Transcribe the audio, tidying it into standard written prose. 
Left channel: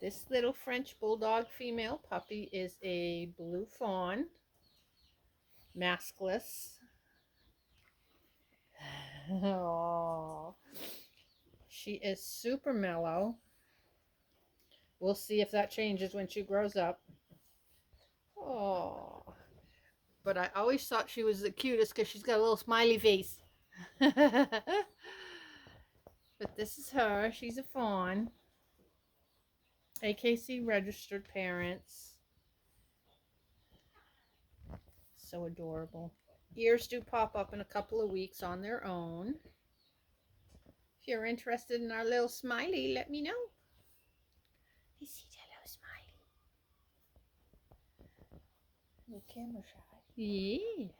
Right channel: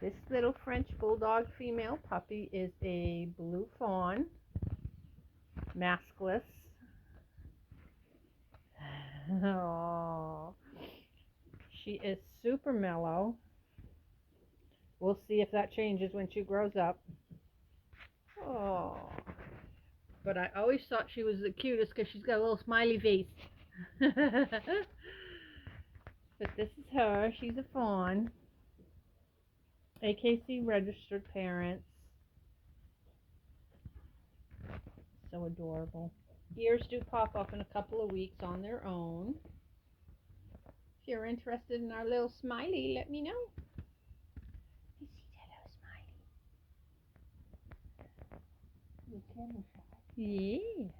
This little French Bulldog female puppy is a blue fawn, maskless. Oh, she is super mellow. We'll see if that changes when she grows up. Oh, but I always thought she was the cutest because she's got a little smiley face. But this is her. She's a fawn. AKC registered parents. So adorable. Ears do pop up in a couple of weeks on their own. If you're interested in our little Smiley, let me know. I see hello, Smiley. You camera shy. Yeah.